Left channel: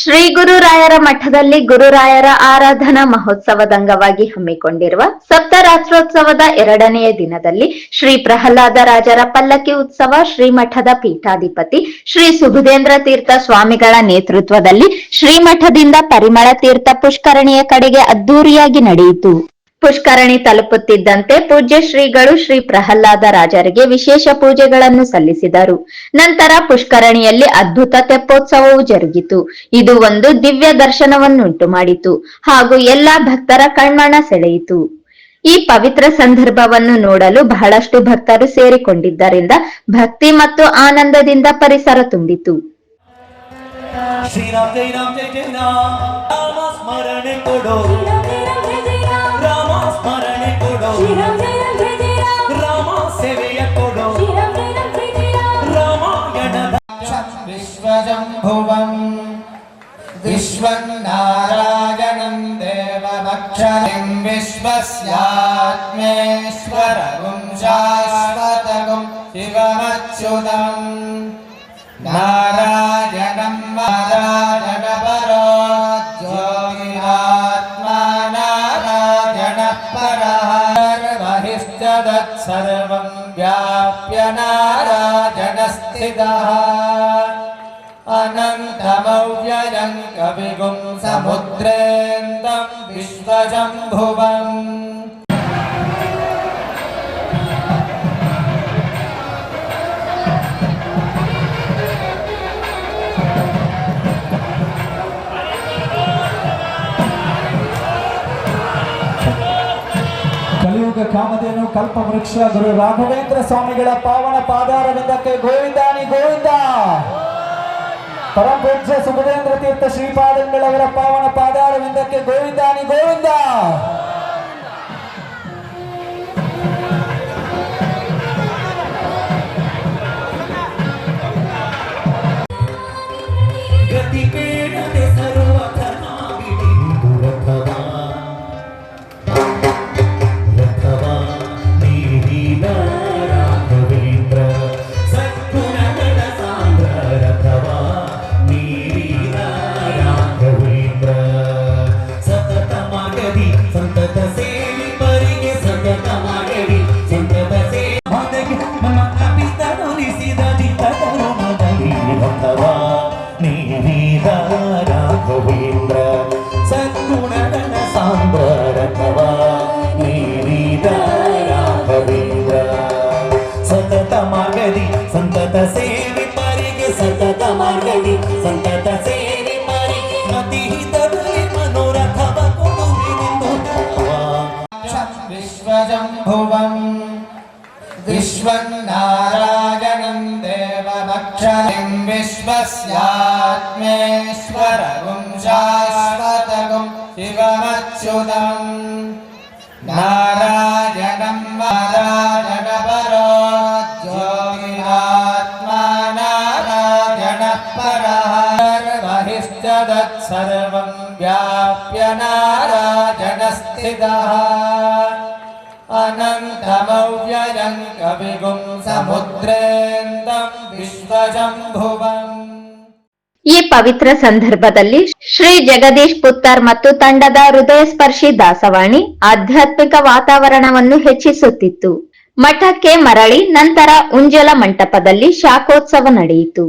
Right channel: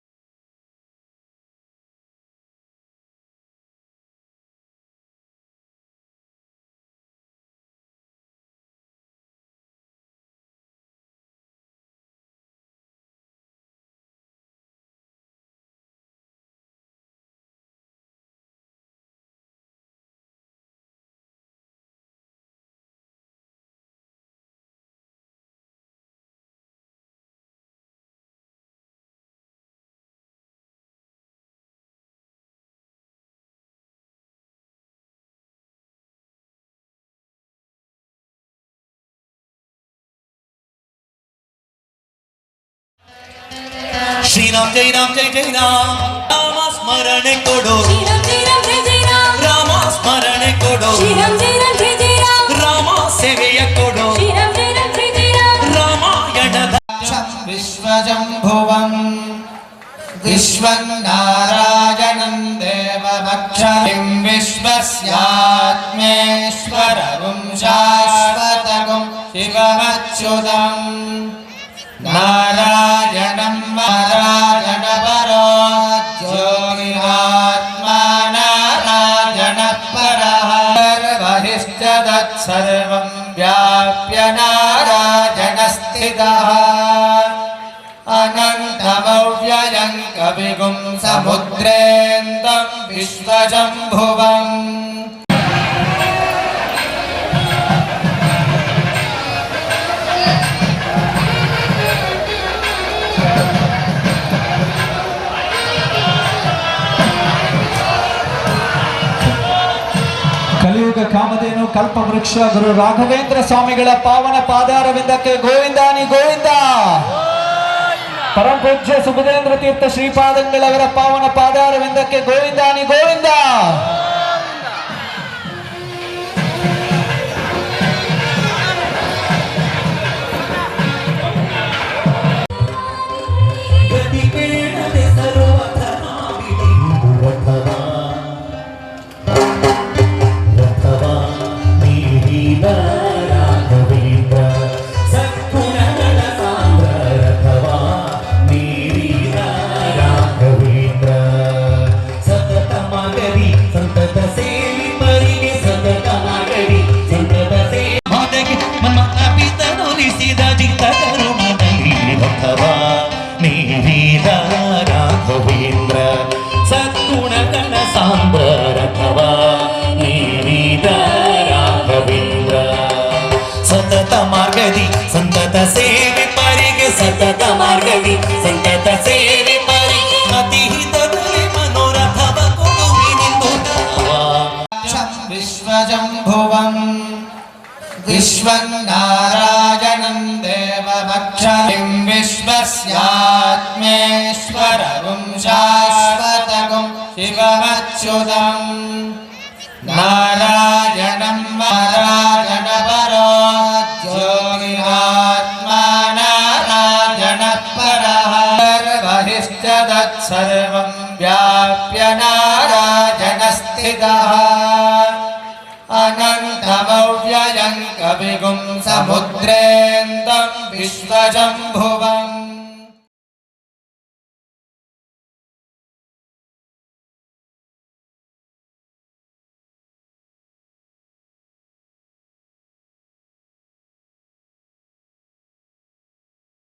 ಶ್ರೀ ಗುರುರಾಯರ ಮಠದಲ್ಲಿ ಗುರುರಾಯರ ಆರಾಧನಾ ಮಹೋತ್ಸವದ ಅಂಗವಾಗಿ ಹಮ್ಮಿಕೊಂಡಿರುವ ಸಪ್ತರಾತ್ರೋತ್ಸವದ ಎರಡನೆಯ ದಿನದಲ್ಲಿ ಶ್ರೀ ಪ್ರಹ್ಲಾದ ರಾಜರ ಪಲ್ಲಕ್ಕಿ ಉತ್ಸವ ಶ್ರೀಮಠದ ಪೀಠಾಧಿಪತಿ ಶ್ರೀ ಸುಬುಧೇಂದ್ರ ತೀರ್ಥ ಸ್ವಾಮಿಗಳ ನೇತೃತ್ವದಲ್ಲಿ ಶ್ರೀಮಠದಿಂದ ಪರಿಮಳ ತೀರ್ಥ ಪುಷ್ಕರಣಿಯ ಕಡೆಗೆ ಅದ್ದೂರಿಯಾಗಿ ನಡೆಯಿತು. ಪುಷ್ಕರಣಿ ತಲುಪುತ್ತಿದ್ದಂತೆ ಪೂಜ್ಯ ಶ್ರೀಗಳು ಶ್ರೀ ಪ್ರಹ್ಲಾದ ರಾಜರಿಗೆ ವಿಶೇಷ ಪೂಜೆಗಳನ್ನು ಸಲ್ಲಿಸಿದರು. ನಂತರ ಪುಷ್ಕರಣಿಯಲ್ಲಿ ಅದ್ಭುತ ತೆಪ್ಪೋತ್ಸವವು ಜರುಗಿತು. ಇದು ಒಂದು ದಿವ್ಯ ದರ್ಶನವನ್ನುಂಟು ಮಾಡಿತು. ಹಾಗೂ ಎಲ್ಲಾ ಭಕ್ತರ ಕಣ್ಮಣ ಸೆಳೆಯಿತು. ಈ ಪವಿತ್ರ ಸಂದರ್ಭವನ್ನು ನೋಡಲು ಬಹಳಷ್ಟು ಭಕ್ತರು ಸೇರಿಕೊಂಡಿದ್ದರಿಂದ ಭಕ್ತಿ ಮತ್ತು ಆನಂದದಿಂದ ಪರಿಸರ ತುಂಬಿತು. ಶ್ರೀರಾಮ್ ಜೈ ರಾಮ್ ಜೈ ಜೈ ರಾಮ್. ರಾಮ ಸ್ಮರಣೆ ಕೊಡೋ. विश्वजम्भुवम् विश्वन्नारायणम् देवभक्षणिम् विश्वस्यात्मेश्वरगुम् शाश्वतगुम् शिवमच्युतम् तत्सर्वम् व्याप्य नारायणस्थितः अनन्तमव्ययम् कविगुं समुद्रेन्दम् विश्वशम्भुवम् ಕಲಿಯುಗ ಕಾಮಧೇನು ಕಲ್ಪವೃಕ್ಷ ಗುರು ರಾಘವೇಂದ್ರ ಸ್ವಾಮಿಗಳ ಪಾವನ ಪಾದಾರವಿಂದಕ್ಕೆ ಗೋವಿಂದಾನಿ ಗೋವಿಂದ. ಪರಮ ಪೂಜ್ಯ ಸುಬುಧೇಂದ್ರ ತೀರ್ಥ ಶ್ರೀಪಾದಂಗಳವರ ಪಾವನ ಪಾದಾರವಿಂದಕ್ಕೆ ಗೋವಿಂದಾನಿ ಗೋವಿಂದ. ಸಂತತ ಮಾರ್ಗದಿ ಸಂತತ ಸೇವೆ ಮರಿಗೆ ಸತತ ಮಾರ್ಗದಿ ಸಂತತ ಸೇವೆ ಮರಿ ಅತಿ ಹಿತದಲ್ಲಿ ಮನೋರಥವ ಕೊಡುವಿನಿಂದು ವಿಶ್ವಜಂಭುವಂ ವಿಶ್ವಂ ನಾರಾಯಣಂ ದೇವಭಕ್ಷರಿಂ ವಿಶ್ವಸ್ಯಾತ್ಮೇಶ್ವರಗುಂ ಶಾಶ್ವತಗುಂ ಶಿವಮಚ್ಯುತಂ ನಾ तत्सर्वम् व्याप्य नारायणस्थितः अनन्तमव्ययम् कविगुम् समुद्रेन्दम् विश्वशम्भुवम् ಈ ಪವಿತ್ರ ಸಂದರ್ಭದಲ್ಲಿ ಶ್ರೀ ಜಗದೀಶ್ ಪುತ್ತರ್ ಮತ್ತು ತಂಡದ ಹೃದಯ ಸ್ಪರ್ಶಿ ದಾಸವಾಣಿ ಆಧ್ಯಾತ್ಮಿಕ ವಾತಾವರಣವನ್ನು ಹೆಚ್ಚಿಸುತ್ತಿತ್ತು ಮಠಕ್ಕೆ ಮರಳಿ ನಂತರ ಉಂಜಲ ಮಂಟಪದಲ್ಲಿ ಶಾಖೋತ್ಸವ ನಡೆಯಿತು